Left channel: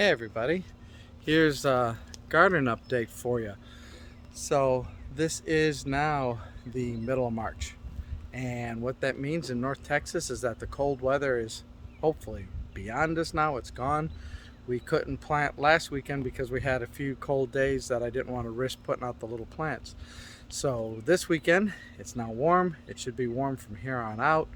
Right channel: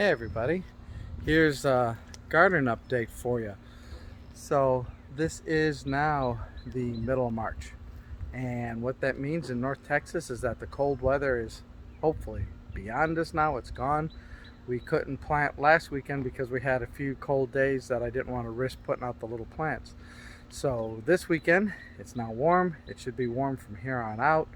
Hey everybody, here's a garden update for you. So this is now the middle of March, and what that means in North Texas is that the cold weather is hopefully beyond us now. It's gone. We couldn't plant last weekend because we had a few cold days that I didn't want to risk putting out the little plants. So this weekend it's now warm. It should be warm from here on out.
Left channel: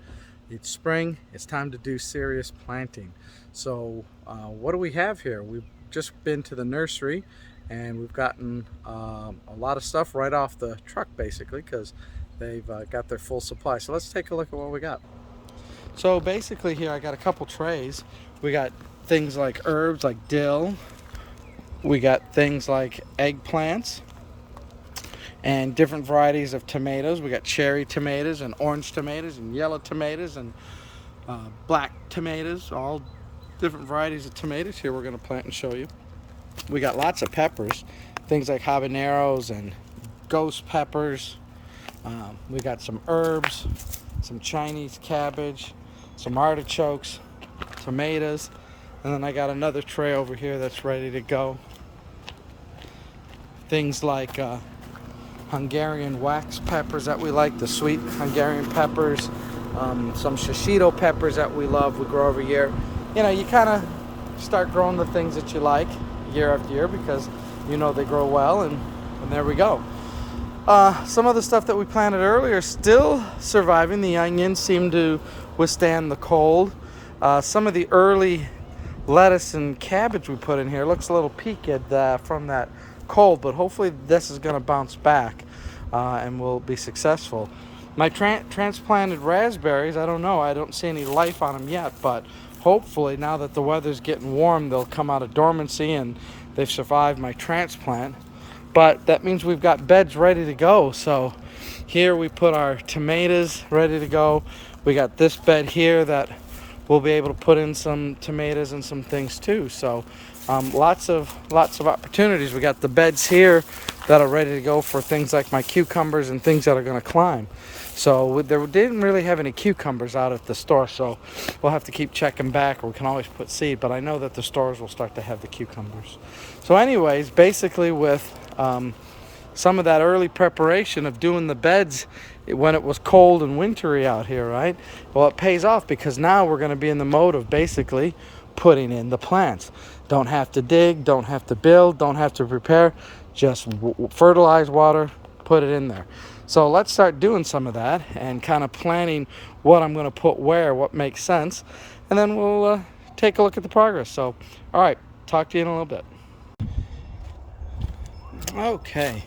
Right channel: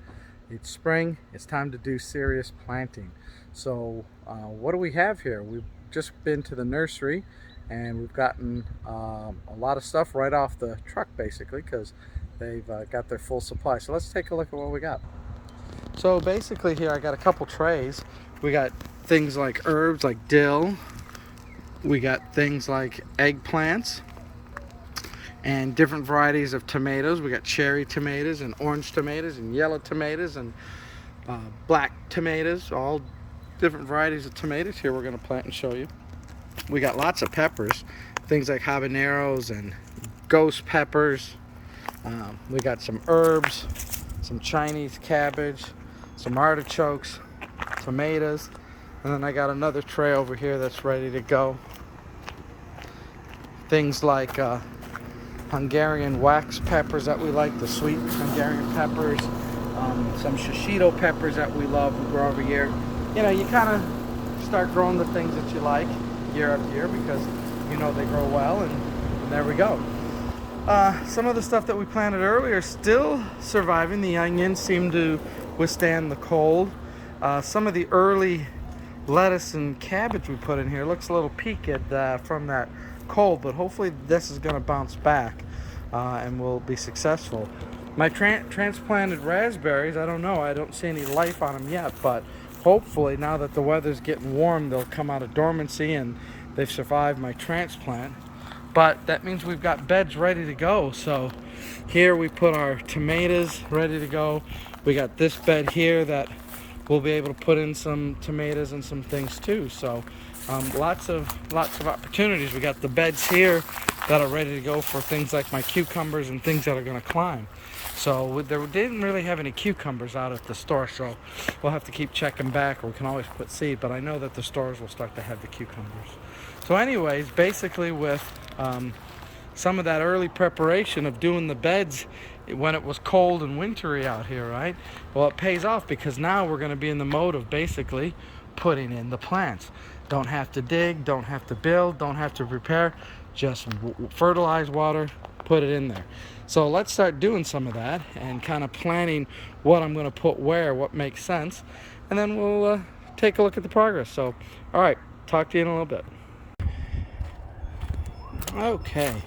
It's spring. It's time to do serious planting. So what do we have here? We've just been to the nursery and we've gotten a lot of stuff right off the truck basically because they've got their full supply. So let's take a look at what we got. So basically here I got a couple trays. We got things like herbs like dill. We got things like eggplants and different varieties of tomatoes. We got cherry tomatoes and orange tomatoes and yellow tomatoes and black tomatoes, all different varieties of tomatoes here we're going to plant and show you. We got lots of peppers, things like habaneros and ghost peppers. We got some herbs, some Chinese cabbage, some artichokes, tomatoes, and then I got another tray over here that's ready to go. Things like Hungarian wax peppers that we like, the sweet Hungarian peppers, some shishito peppers that we love, we grow every year. You know, you kind of start growing the things that you like year after year because you know they grow well, and there we go. Some of the stuff that we planted earlier still surviving. The onions seem to withstand the cold. Some of the early lettuce and cabbage we put in here looks a little peaked from that cold, but hopefully this is going to bounce back and we'll be successful. My transplanted raspberries, I don't know, I don't see any life on them yet, but hopefully now that the weather's getting warm they'll come out of dormancy and they've survived my transplant. But that means we've got beds ready to go. So here we put our tomatoes ready to go. We got this bed here that we'll be able to put in some tomatoes and some things too. So lots of opportunities. We got the beds here that are ready to go for things like my cucumbers and things that are going to climb. So they didn't really have any cucumbers out at the store, so we'll have to keep checking back, or we can always put seed, but I know that the stores will start to have the cucumbers. So anyways, basically with some of that early preparation of doing the beds when it was cold and wintry out here, right? Well, it pays off because now we're going to be in the mode of basically putting in the plants. Don't have to dig, don't have to build, don't have to prepare, just fertilize, water, put it in there. So let's start doing some of that and kind of planning what I'm going to put where, what makes sense, and then we'll take a look at the progress. So, all right, talk to you in a little bit. Okay,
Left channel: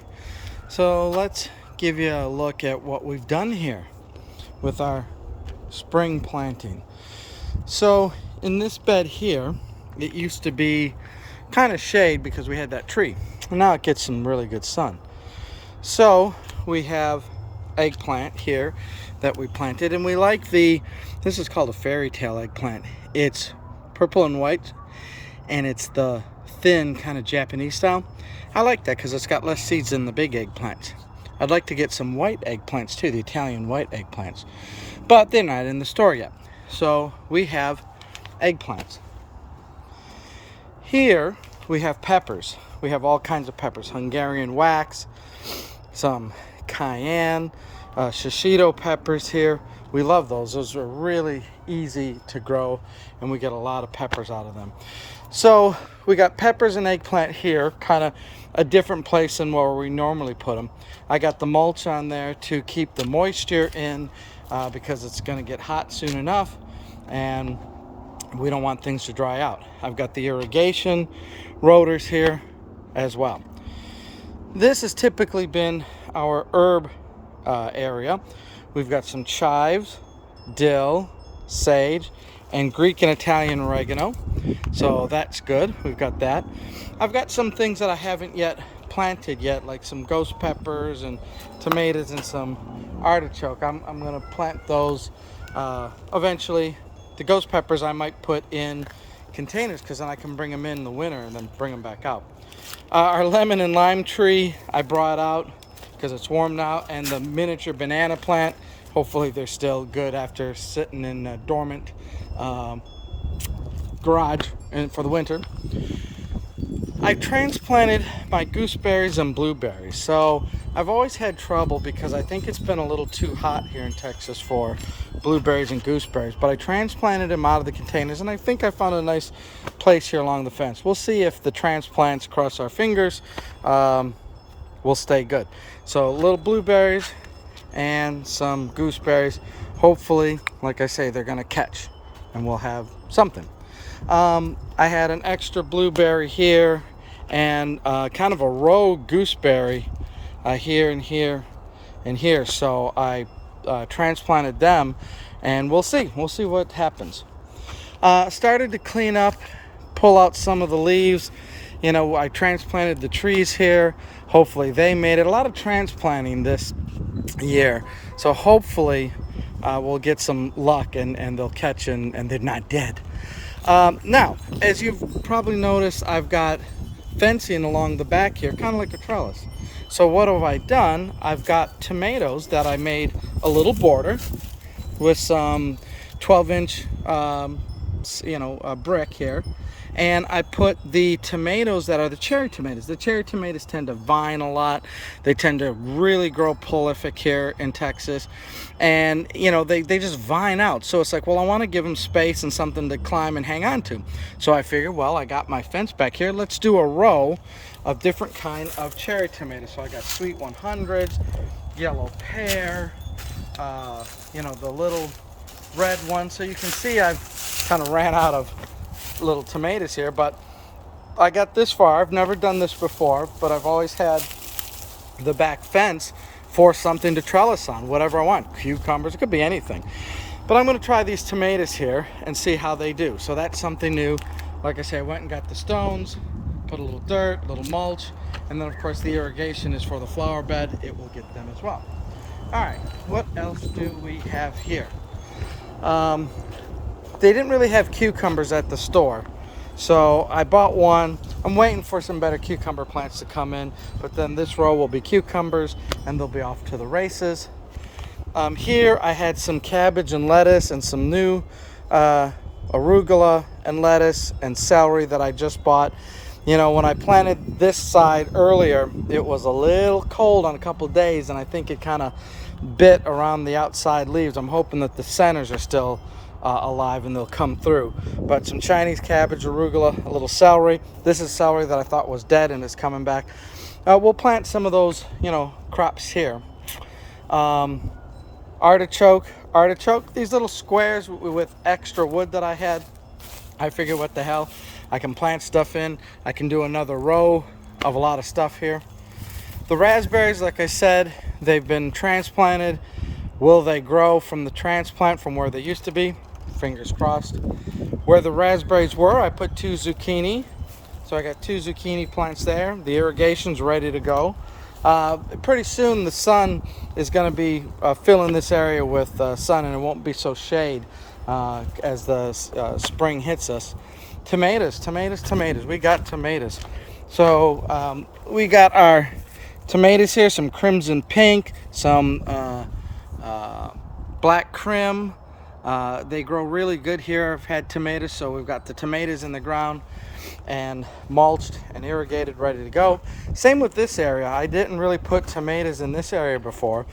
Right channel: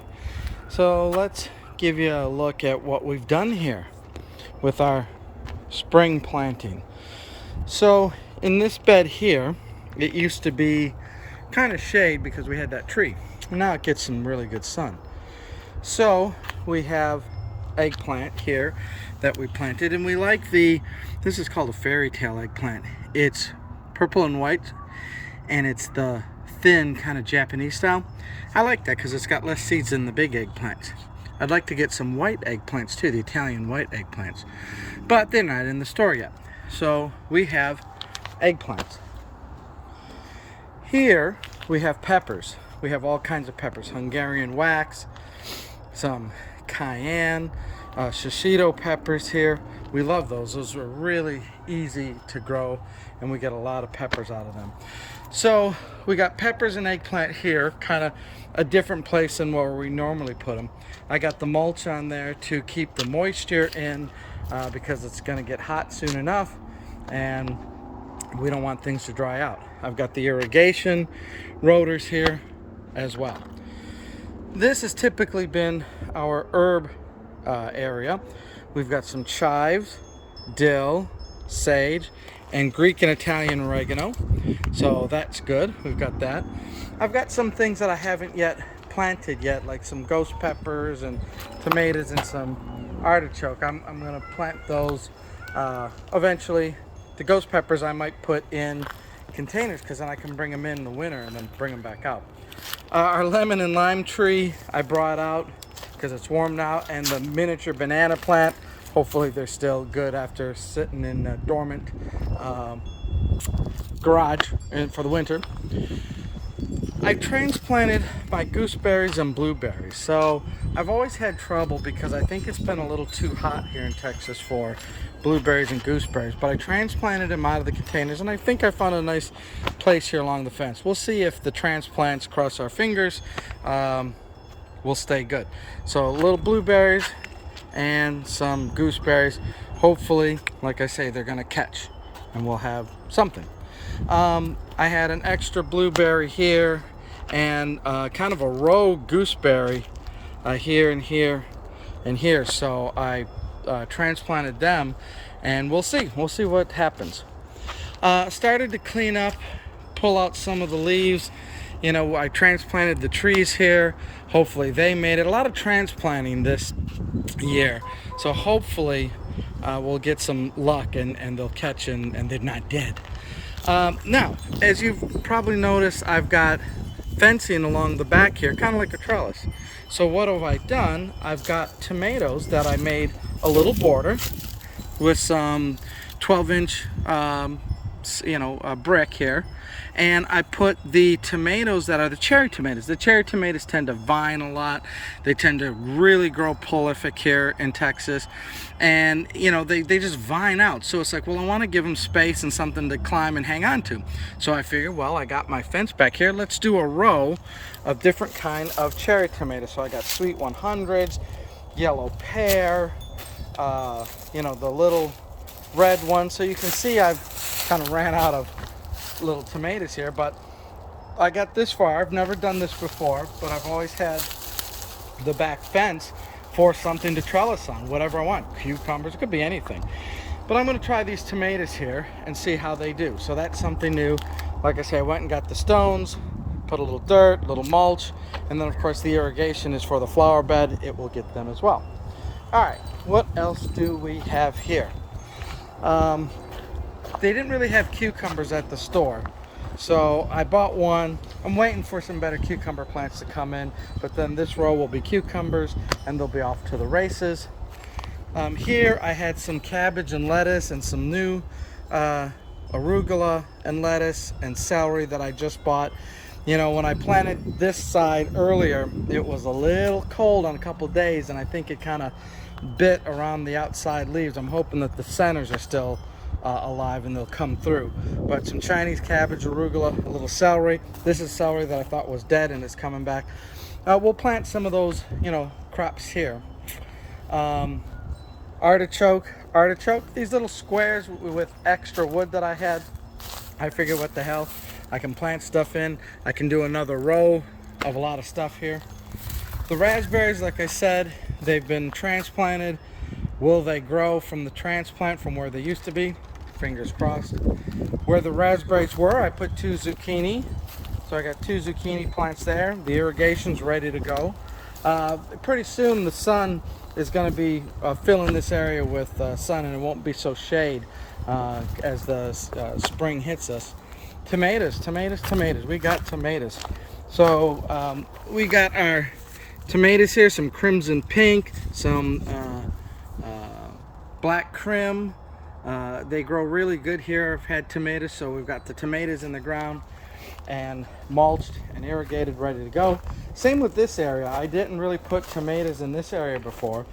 so let's give you a look at what we've done here with our spring planting. So in this bed here, it used to be kind of shade because we had that tree. Now it gets some really good sun. So we have eggplant here that we planted, and we like this is called a fairy tale eggplant. It's purple and white, and it's the thin kind of Japanese style. I like that because it's got less seeds than the big eggplant. I'd like to get some white eggplants too, the Italian white eggplants, but they're not in the store yet. So we have eggplants. Here we have peppers. We have all kinds of peppers, Hungarian wax, some cayenne, shishito peppers here. We love those. Those are really easy to grow, and we get a lot of peppers out of them. So we got peppers and eggplant here, kind of a different place than where we normally put them. I got the mulch on there to keep the moisture in because it's going to get hot soon enough, and we don't want things to dry out. I've got the irrigation rotors here as well. This has typically been our herb area. We've got some chives, dill, sage, and Greek and Italian oregano. So that's good. We've got that. I've got some things that I haven't yet planted yet, like some ghost peppers and tomatoes and some artichoke. I'm going to plant those eventually. The ghost peppers I might put in containers because then I can bring them in the winter and then bring them back out. Our lemon and lime tree I brought out because it's warm now, and the miniature banana plant, hopefully they're still good after sitting in a dormant garage for the winter. I transplanted my gooseberries and blueberries. So I've always had trouble because I think it's been a little too hot here in Texas for blueberries and gooseberries. But I transplanted them out of the containers, and I think I found a nice place here along the fence. We'll see if the transplants, cross our fingers, will stay good. So little blueberries and some gooseberries. Hopefully, like I say, they're gonna catch and we'll have something. I had an extra blueberry here and kind of a row gooseberry here and here and here. So I transplanted them, and we'll see what happens. Started to clean up, pull out some of the leaves. You know, I transplanted the trees here. Hopefully they made it. A lot of transplanting this year, so hopefully we'll get some luck and they'll catch and they're not dead. Now, as you've probably noticed, I've got fencing along the back here, kind of like a trellis. So what have I done? I've got tomatoes that I made a little border with some 12-inch brick here, and I put the tomatoes that are the cherry tomatoes. The cherry tomatoes tend to vine a lot. They tend to really grow prolific here in Texas, and you know, they just vine out. So it's like, well, I want to give them space and something to climb and hang on to. So I figured, well, I got my fence back here, let's do a row of different kind of cherry tomatoes. So I got sweet 100s, yellow pear, the little red one. So you can see I've kind of ran out of little tomatoes here, but I got this far. I've never done this before, but I've always had the back fence for something to trellis on, whatever I want. Cucumbers, it could be anything. But I'm going to try these tomatoes here and see how they do. So that's something new. Like I say, I went and got the stones, put a little dirt, a little mulch, and then of course the irrigation is for the flower bed. It will get them as well. All right, what else do we have here? They didn't really have cucumbers at the store, so I bought one. I'm waiting for some better cucumber plants to come in, but then this row will be cucumbers and they'll be off to the races. Here I had some cabbage and lettuce and some new arugula and lettuce and celery that I just bought. You know, when I planted this side earlier, it was a little cold on a couple of days, and I think it kind of bit around the outside leaves. I'm hoping that the centers are still alive and they'll come through. But some Chinese cabbage, arugula, a little celery. This is celery that I thought was dead and is coming back. We'll plant some of those, crops here. Artichoke, these little squares with extra wood that I had. I figured, what the hell, I can plant stuff in. I can do another row of a lot of stuff here. The raspberries, like I said, they've been transplanted. Will they grow from the transplant from where they used to be? Fingers crossed. Where the raspberries were, I put 2 zucchini. So I got 2 zucchini plants there. The irrigation's ready to go. Pretty soon the sun is going to be filling this area with sun, and it won't be so shade as the spring hits us. Tomatoes. We got tomatoes. So we got our tomatoes here, some crimson pink, some black crim. They grow really good here. I've had tomatoes, so we've got the tomatoes in the ground and mulched and irrigated, ready to go. Same with this area. I didn't really put tomatoes in this area before.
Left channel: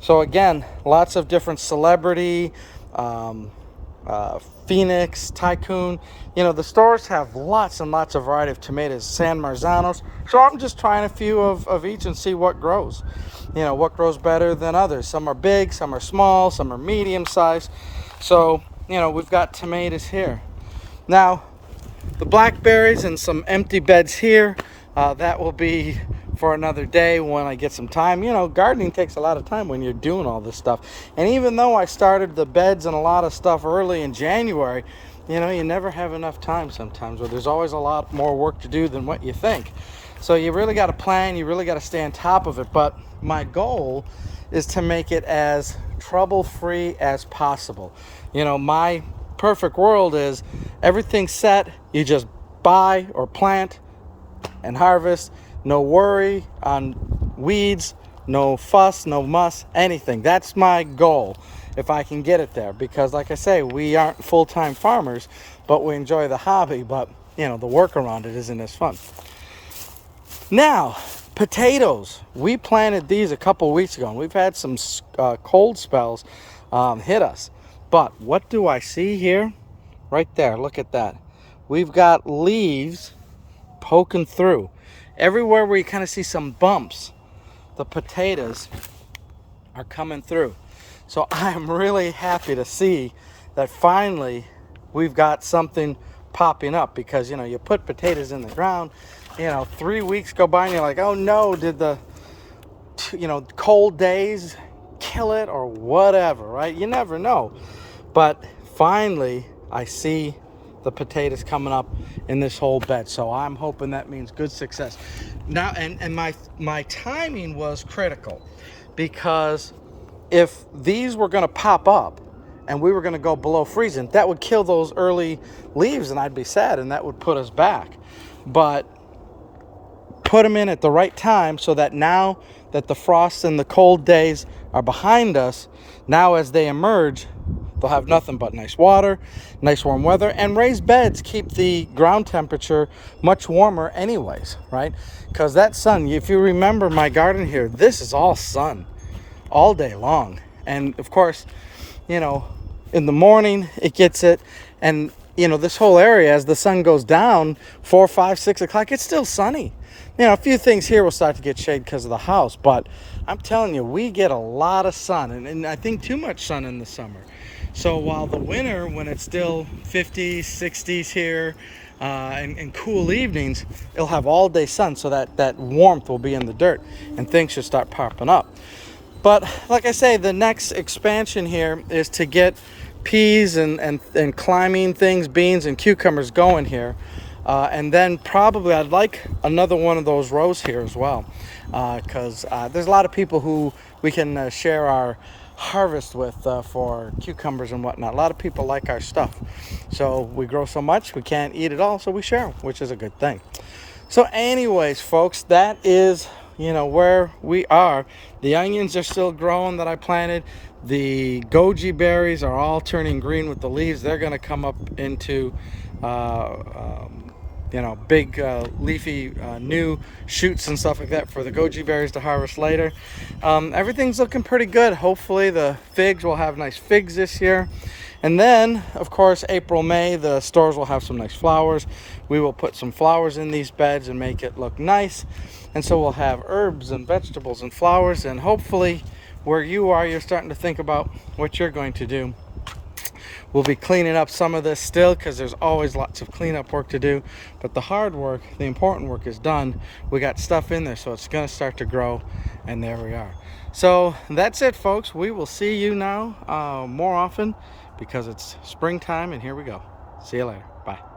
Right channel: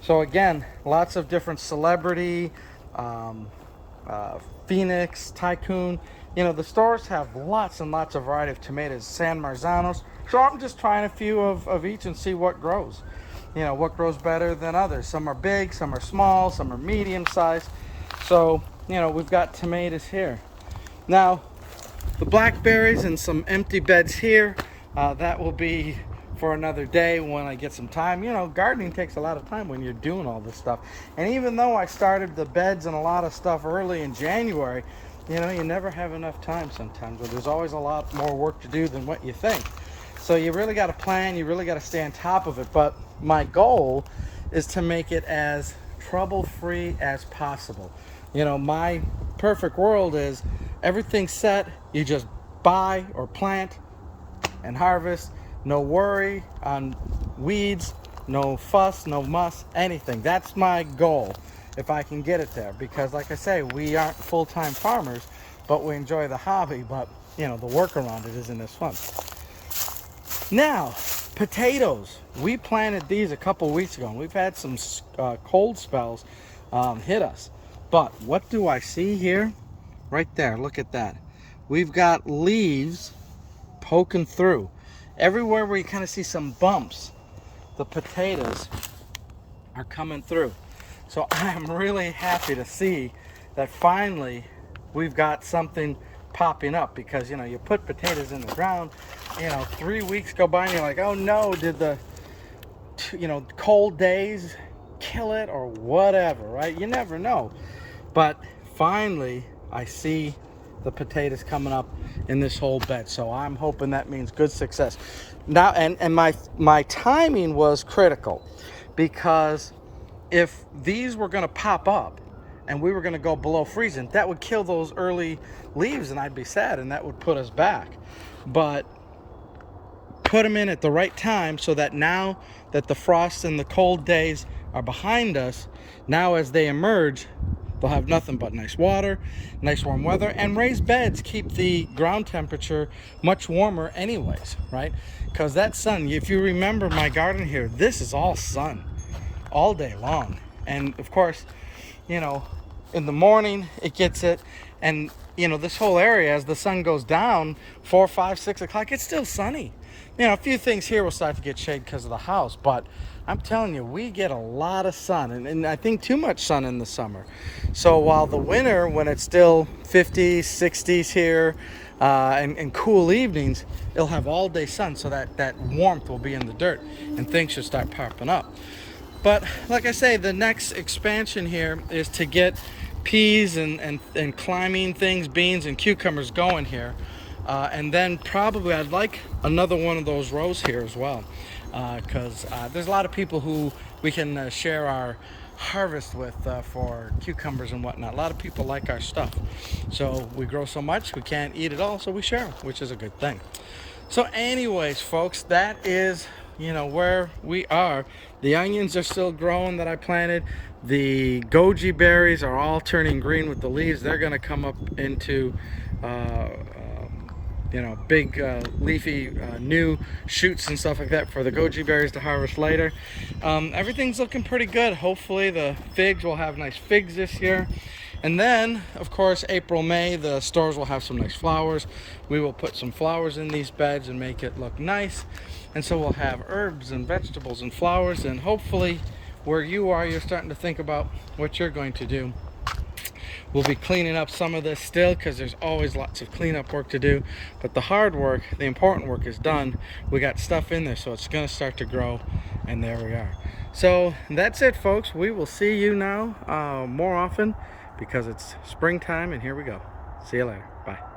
So again, lots of different celebrity, Phoenix, Tycoon. The stores have lots and lots of variety of tomatoes, San Marzanos. So I'm just trying a few of each and see what grows. What grows better than others. Some are big, some are small, some are medium sized. So, we've got tomatoes here. Now, the blackberries and some empty beds here, that will be for another day when I get some time. Gardening takes a lot of time when you're doing all this stuff. And even though I started the beds and a lot of stuff early in January, you never have enough time sometimes, or there's always a lot more work to do than what you think. So you really got to plan, you really got to stay on top of it. But my goal is to make it as trouble-free as possible. My perfect world is everything's set, you just buy or plant and harvest. No worry on weeds, no fuss, no muss, anything. That's my goal, if I can get it there. Because like I say, we aren't full-time farmers, but we enjoy the hobby. But you know, the work around it isn't as fun. Now, potatoes. We planted these a couple weeks ago, and we've had some cold spells hit us. But what do I see here? Right there, look at that. We've got leaves poking through. Everywhere where you kind of see some bumps, the potatoes are coming through. So I'm really happy to see that finally we've got something popping up, because you know, you put potatoes in the ground, you know, 3 weeks go by and you're like, oh no, did the, you know, cold days kill it or whatever, right? You never know. But finally I see the potatoes coming up in this whole bed, so I'm hoping that means good success. Now, and my timing was critical, because if these were going to pop up and we were going to go below freezing, that would kill those early leaves and I'd be sad, and that would put us back. But put them in at the right time, so that now that the frost and the cold days are behind us, now as they emerge, they'll have nothing but nice water, nice warm weather, and raised beds keep the ground temperature much warmer anyways, right? Because that sun, if you remember my garden here, this is all sun all day long. And of course, you know, in the morning it gets it, and you know, this whole area, as the sun goes down 4, 5, 6 o'clock, it's still sunny. You know, a few things here will start to get shade because of the house, but I'm telling you, we get a lot of sun, and I think too much sun in the summer. So while the winter, when it's still 50s, 60s here, and cool evenings, it'll have all day sun, so that warmth will be in the dirt and things should start popping up. But like I say, the next expansion here is to get peas and climbing things, beans and cucumbers going here. And then probably I'd like another one of those rows here as well, because there's a lot of people who we can share our harvest with for cucumbers and whatnot. A lot of people like our stuff. So we grow so much, we can't eat it all, so we share, which is a good thing. So anyways, folks, that is, you know, where we are. The onions are still growing that I planted. The goji berries are all turning green with the leaves. They're going to come up into you know, big leafy new shoots and stuff like that for the goji berries to harvest later. Everything's looking pretty good. Hopefully the figs will have nice figs this year. And then, of course, April, May, the stores will have some nice flowers. We will put some flowers in these beds and make it look nice. And so we'll have herbs and vegetables and flowers. And hopefully where you are, you're starting to think about what you're going to do. We'll be cleaning up some of this still, because there's always lots of cleanup work to do. But the hard work, the important work is done. We got stuff in there, so it's going to start to grow. And there we are. So that's it, folks. We will see you now more often, because it's springtime, and here we go. See you later. Bye.